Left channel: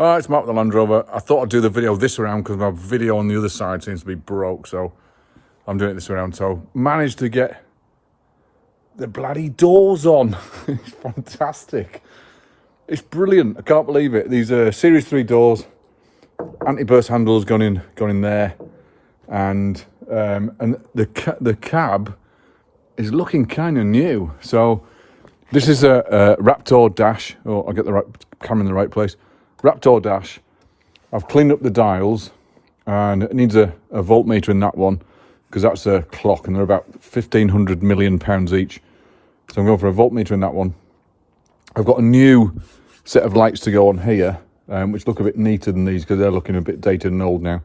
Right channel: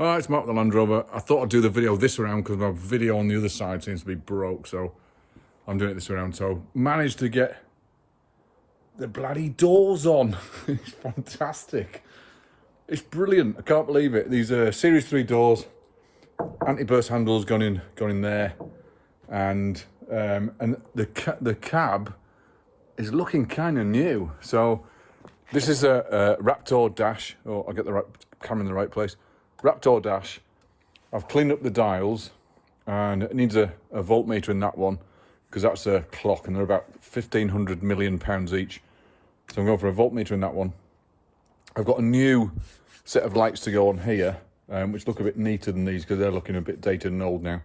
Hi, it's Mark the Landrover. I thought I'd do the video this around because my video on the other side seems to be broke, so I'm doing it this around. So managed to get the bloody doors on. It's fantastic. It's brilliant. I can't believe it. These are Series 3 doors, anti-burst handles gone in there, and the cab is looking kind of new. So this is a Raptor dash. Oh, I'll get the right camera in the right place. Raptor dash. I've cleaned up the dials, and it needs a voltmeter in that one because that's a clock, and they're about 1,500 million pounds each. So I'm going for a voltmeter in that one. I've got a new set of lights to go on here, which look a bit neater than these because they're looking a bit dated and old now.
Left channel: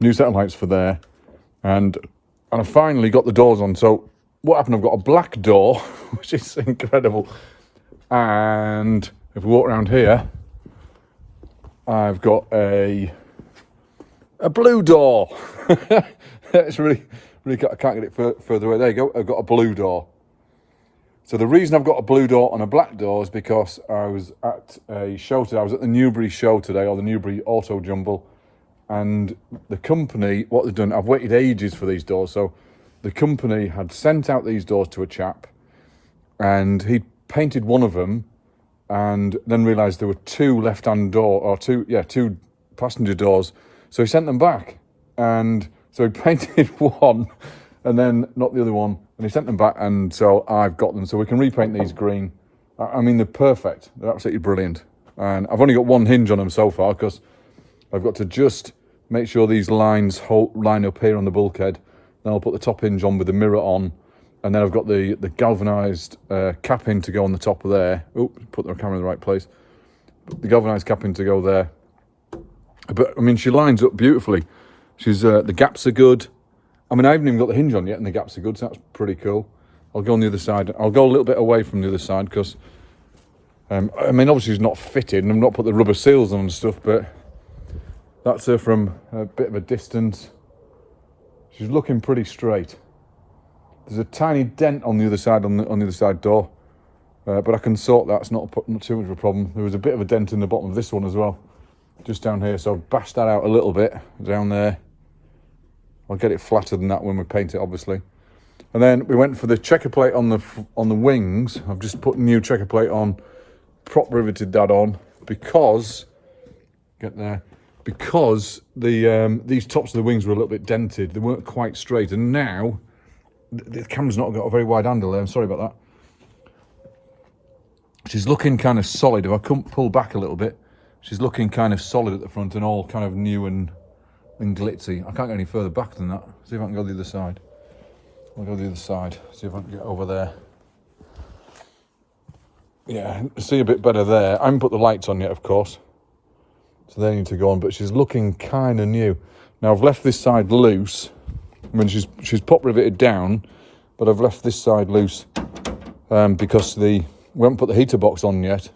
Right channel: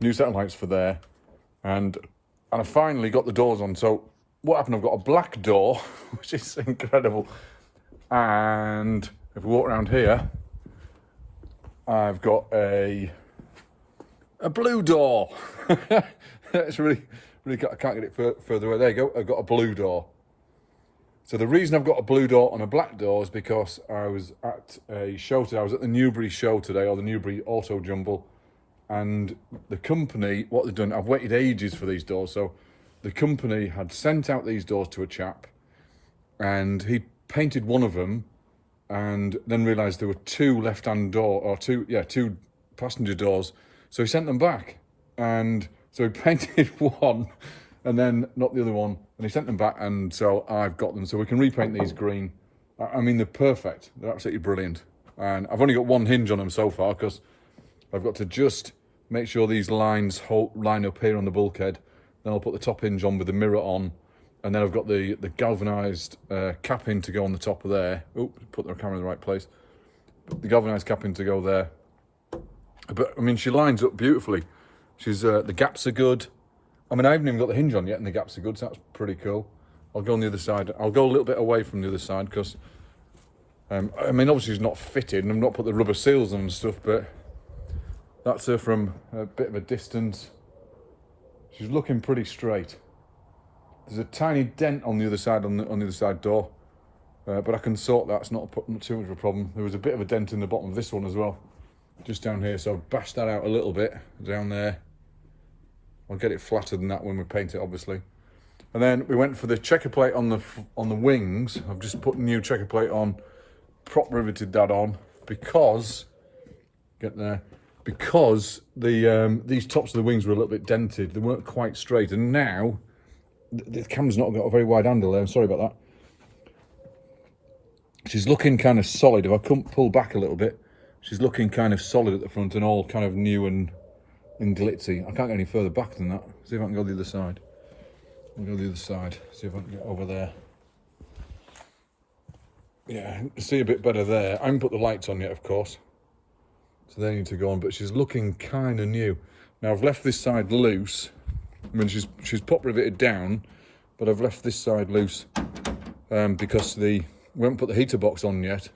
New set of lights for there, and I finally got the doors on. So what happened? I've got a black door, which is incredible, and if we walk around here, I've got a blue door. It's really, I can't get it further away. There you go. I've got a blue door. So the reason I've got a blue door and a black door is because I was at a show today. I was at the Newbury show today, or the Newbury Auto Jumble, and the company, what they've done, I've waited ages for these doors. So the company had sent out these doors to a chap, and he painted one of them, and then realised there were two left-hand door, or two passenger doors. So he sent them back, and so he painted one, and then not the other one, and he sent them back, and so I've got them. So we can repaint these green. I mean, they're perfect. They're absolutely brilliant. And I've only got one hinge on them so far because I've got to just make sure these lines line up here on the bulkhead. Then I'll put the top hinge on with the mirror on, and then I've got the galvanised capping to go on the top of there. Oh, put the camera in the right place. The galvanised capping to go there. But I mean, she lines up beautifully. She's the gaps are good. I mean, I haven't even got the hinge on yet, and the gaps are good, so that's pretty cool. I'll go on the other side. I'll go a little bit away from the other side because, I mean, obviously it's not fitted, and I've not put the rubber seals on and stuff, but that's her from a bit of a distance. She's looking pretty straight. There's a tiny dent on the other side, on the other side door, but I can sort that. It's not too much of a problem. There was a bit of a dent in the bottom of this one as well, just down here, so I've bashed that out a little bit down there. I'll get it flatter than that when we paint it, obviously. And then we went for the checker plate on the wings. I've just put new checker plate on, prop riveted that on because because these tops of the wings were a little bit dented. They weren't quite straight, and now the camera's not got a very wide handle there. I'm sorry about that. She's looking kind of solid. If I couldn't pull back a little bit, she's looking kind of solid at the front and all kind of new and glitzy. I can't get any further back than that. See if I can go the other side. I'll go the other side. See if I can get over there. Yeah, see a bit better there. I haven't put the lights on yet, of course, so they need to go on. But she's looking kind of new. Now I've left this side loose. I mean, she's pop riveted down, but I've left this side loose because we haven't put the heater box on yet.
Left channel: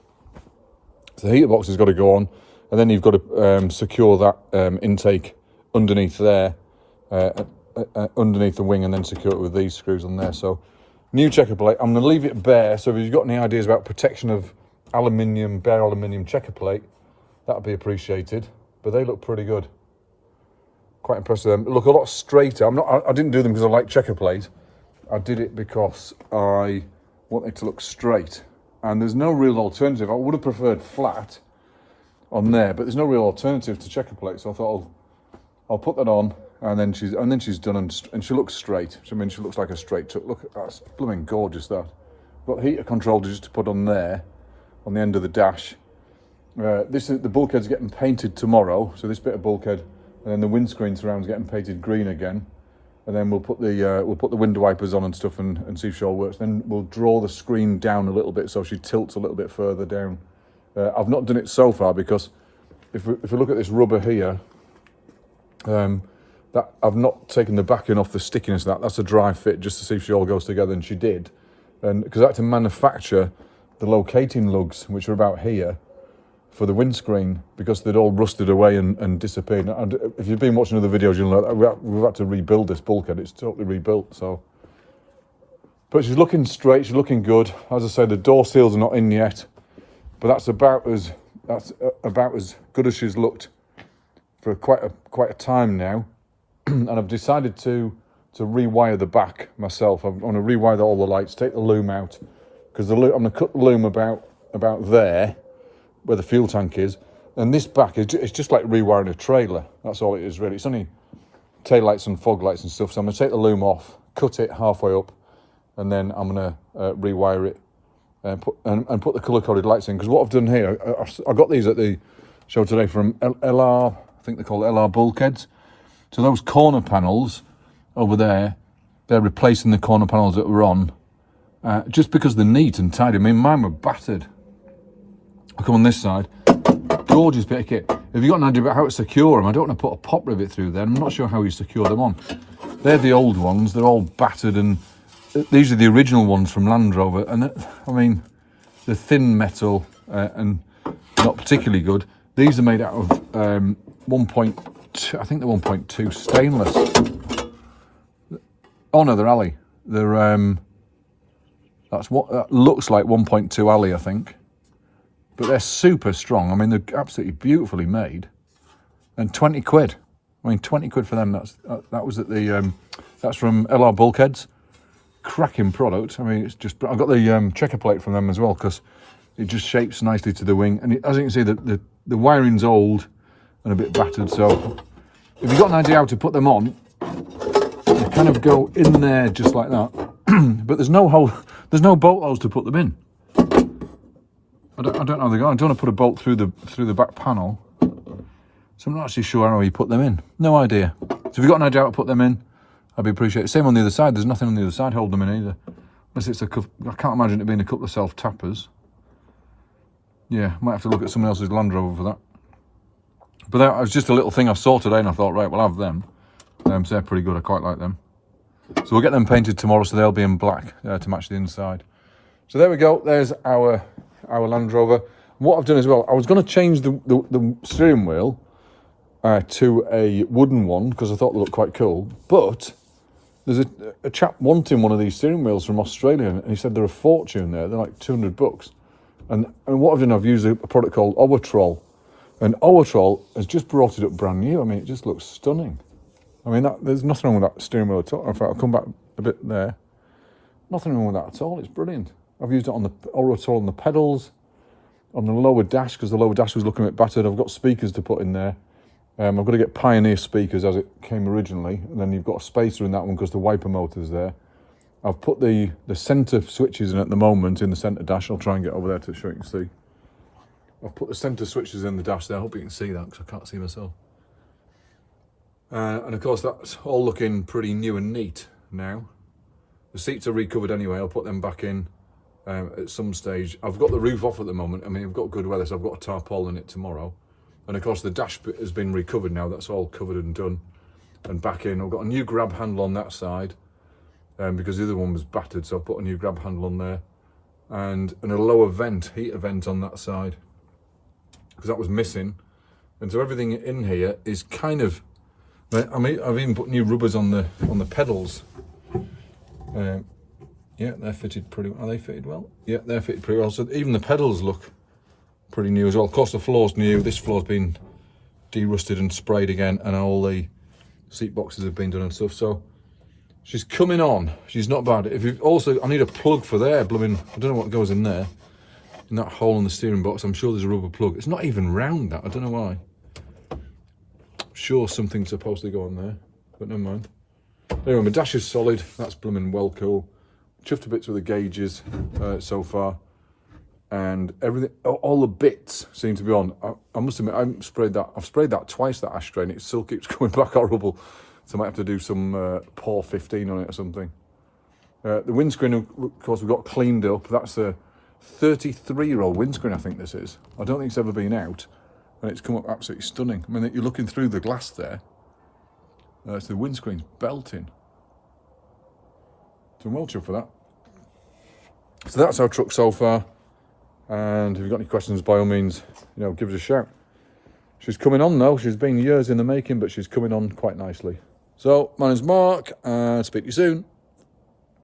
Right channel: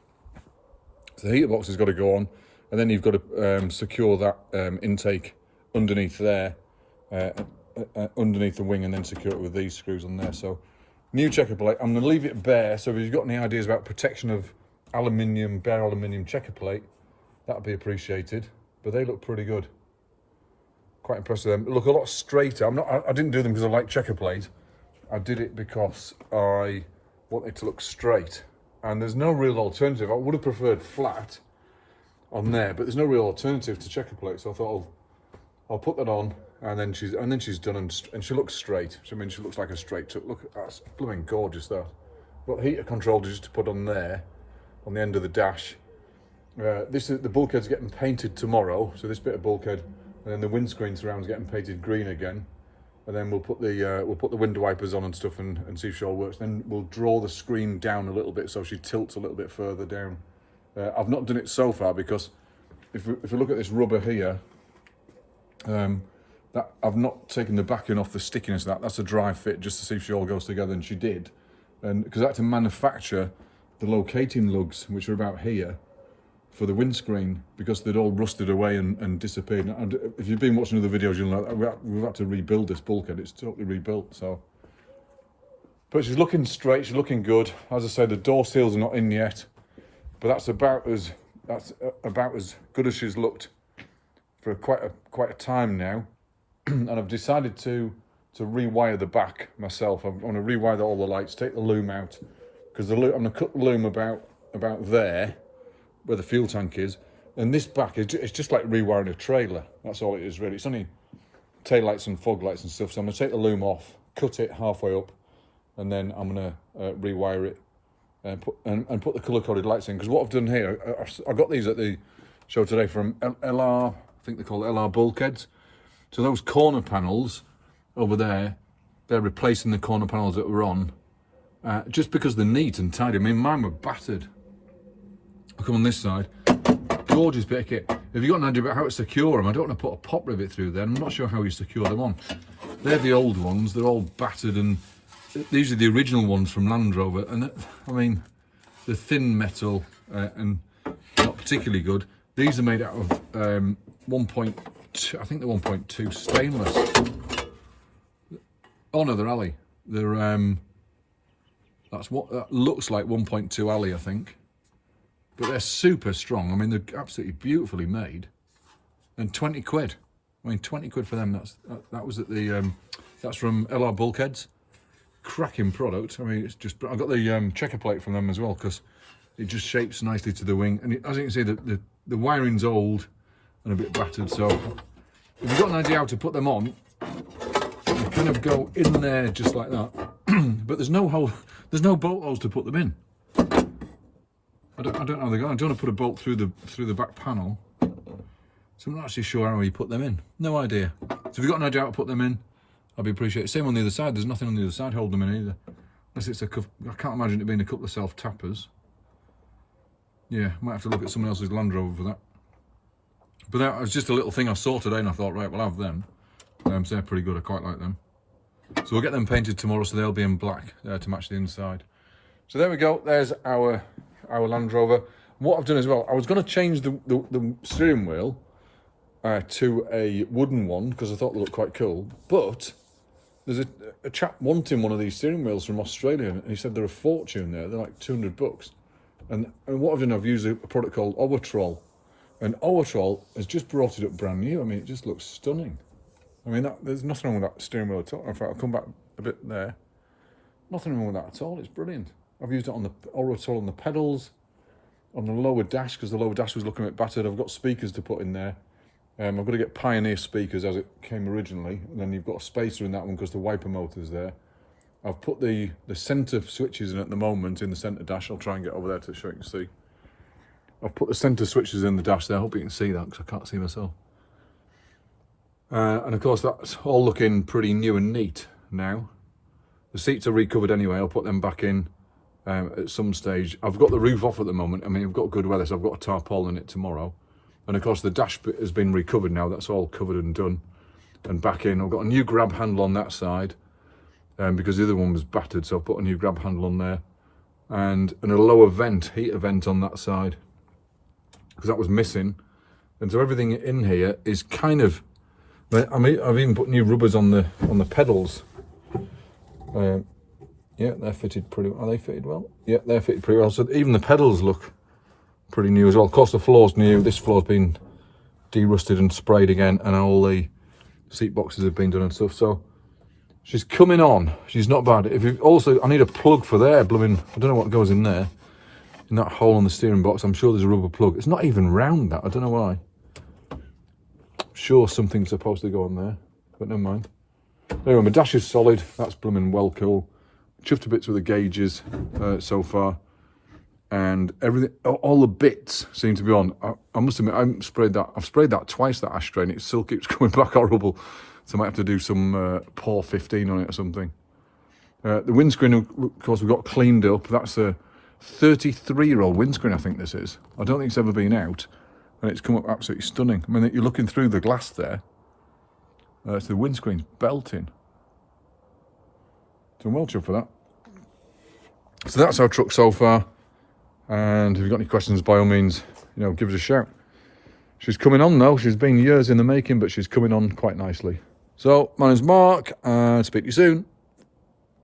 So the heater box has got to go on, and then you've got to secure that intake underneath there, underneath the wing, and then secure it with these screws on there. So new checker plate. I'm going to leave it bare, so if you've got any ideas about protection of aluminium, bare aluminium checker plate, that would be appreciated. But they look pretty good. Quite impressed with them. They look a lot straighter. I didn't do them because I like checker plate. I did it because I want it to look straight, and there's no real alternative. I would have preferred flat on there, but there's no real alternative to checker plate, so I thought I'll put that on, and then she's done, and she looks straight. So, I mean, she looks like a straight. Look, that's blooming gorgeous. That got heater control just to put on there, on the end of the dash. The bulkhead's getting painted tomorrow, so this bit of bulkhead, and then the windscreen surround's getting painted green again, and then we'll put the window wipers on and stuff, and see if she all works. Then we'll draw the screen down a little bit so she tilts a little bit further down. I've not done it so far because if we look at this rubber here, that I've not taken the backing off the stickiness of that. That's a dry fit just to see if she all goes together, and she did. And because I had to manufacture the locating lugs, which are about here, for the windscreen, because they'd all rusted away and disappeared. And if you've been watching other videos, you'll know that we've had to rebuild this bulkhead. It's totally rebuilt. So, but she's looking straight. She's looking good. As I say, the door seals are not in yet, but that's about as that's about as good as she's looked for quite a time now. And I've decided to rewire the back myself. I'm going to rewire all the lights, take the loom out, because I'm going to cut the loom about there, where the fuel tank is. And this back is it's just like rewiring a trailer. That's all it is really. It's only tail lights and fog lights and stuff. So I'm going to take the loom off, cut it halfway up, and then I'm going to rewire it and put the colour-coded lights in. Because what I've done here, I got these at the show today from LR, I think they're called LR bulkheads. So those corner panels over there, they're replacing the corner panels that were on, just because they're neat and tidy. I mean, mine were battered. I'll come on this side. Gorgeous bit of kit. If you've got an idea about how to secure them, I don't want to put a pop rivet through there. I'm not sure how you secure them on. They're the old ones. They're all battered, and these are the original ones from Landrover. And I mean, they're thin metal and not particularly good. These are made out of 1.2, I think they're 1.2 stainless. Oh no, they're alley. They're that's what that looks like, 1.2 alley, I think. But they're super strong. I mean, they're absolutely beautifully made. And 20 quid. I mean, 20 quid for them. That was at the that's from LR Bulkheads. Cracking product. I mean, it's just. I got the checker plate from them as well, because it just shapes nicely to the wing. And as you can see, the wiring's old and a bit battered. So if you've got an idea how to put them on, you kind of go in there just like that. But there's no hole. There's no bolt holes to put them in. I don't know how they go. I don't want to put a bolt through the back panel, so I'm not actually sure how you put them in. No idea. So if you've got an idea how to put them in, I'd be appreciated. Same on the other side. There's nothing on the other side holding them in either. Unless it's I can't imagine it being a couple of self-tappers. Yeah, might have to look at someone else's Land Rover for that. But that was just a little thing I saw today, and I thought, right, we'll have them. So they're pretty good. I quite like them. So we'll get them painted tomorrow, so they'll be in black to match the inside. So there we go. There's our Land Rover. What I've done as well, I was going to change the steering wheel to a wooden one, because I thought they looked quite cool. But there's a chap wanting one of these steering wheels from Australia, and he said they're a fortune there. They're like $200. And what I've done, I've used a product called Owatrol. And Owatrol has just brought it up brand new. I mean, it just looks stunning. I mean, there's nothing wrong with that steering wheel at all. In fact, I'll come back a bit there. Nothing wrong with that at all. It's brilliant. I've used it on the Owatrol on the pedals, on the lower dash, because the lower dash was looking a bit battered. I've got speakers to put in there. I've got to get Pioneer speakers as it came originally, and then you've got a spacer in that one because the wiper motor's there. I've put the centre switches in at the moment in the centre dash. I'll try and get over there to show you can see. I've put the centre switches in the dash there. I hope you can see that, because I can't see myself. And of course, that's all looking pretty new and neat now. The seats are recovered anyway. I'll put them back in at some stage. I've got the roof off at the moment. I mean, I've got good weather, so I've got a tarpaulin in it tomorrow. And of course, the dash bit has been recovered now. That's all covered and done and back in. I've got a new grab handle on that side because the other one was battered, so I put a new grab handle on there. And a lower vent, heater vent on that side, because that was missing. And so everything in here is kind of, I've even put new rubbers on the pedals. Yeah, they're fitted pretty well. Are they fitted well? Yeah, they're fitted pretty well. So even the pedals look pretty new as well. Of course, the floor's new. This floor's been de-rusted and sprayed again, and all the seat boxes have been done and stuff. So she's coming on. She's not bad. If you also, I need a plug for there. Blooming, I don't know what goes in there. In that hole on the steering box, I'm sure there's a rubber plug. It's not even round, that. I don't know why. Sure, something's supposed to go on there, but never mind. Anyway, my dash is solid. That's blooming well cool. Chuffed to bits with the gauges so far, and everything. All the bits seem to be on. I must admit, I've sprayed that twice, that ashtray, and it still keeps coming back horrible. So I might have to do some POR 15 on it or something. The windscreen, of course, we got cleaned up. That's a 33-year-old windscreen, I think this is. I don't think it's ever been out, and it's come up absolutely stunning. I mean, you're looking through the glass there. So the windscreen's belting. So I'm well chuffed for that. So that's our truck so far. And if you've got any questions, by all means, give us a shout. She's coming on though. She's been years in the making, but she's coming on quite nicely. So my name's Mark, and speak to you soon.